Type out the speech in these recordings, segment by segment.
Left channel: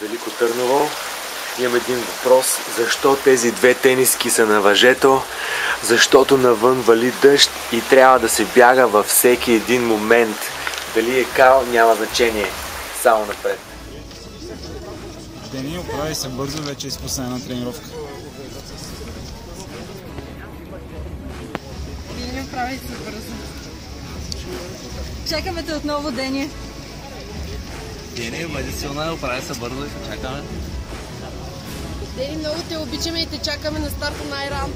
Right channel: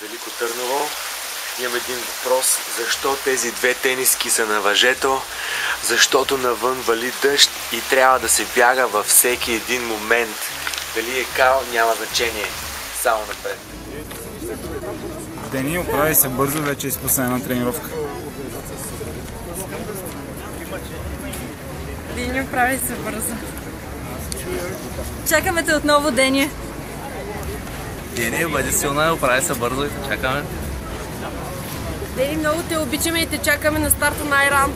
Велико Търново. Имам един въпрос. Защо тези две тениски са на въжето? Защото навън вали дъжд и трябва да се бяга във всеки един момент. Дали е кал, няма значение. Само напред. Дени, оправи се бързо, вече изпусна една тренировка. Дени, оправи се бързо. Чакаме те отново, Дени. Дени, бъди силна, оправи се бързо и те чакаме. Дени, много те обичаме и те чакаме на старта на Айран.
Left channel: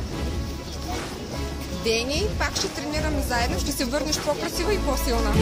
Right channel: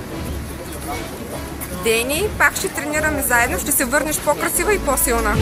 Дени, пак ще тренираме заедно, ще се върнеш по-красива и по-силна.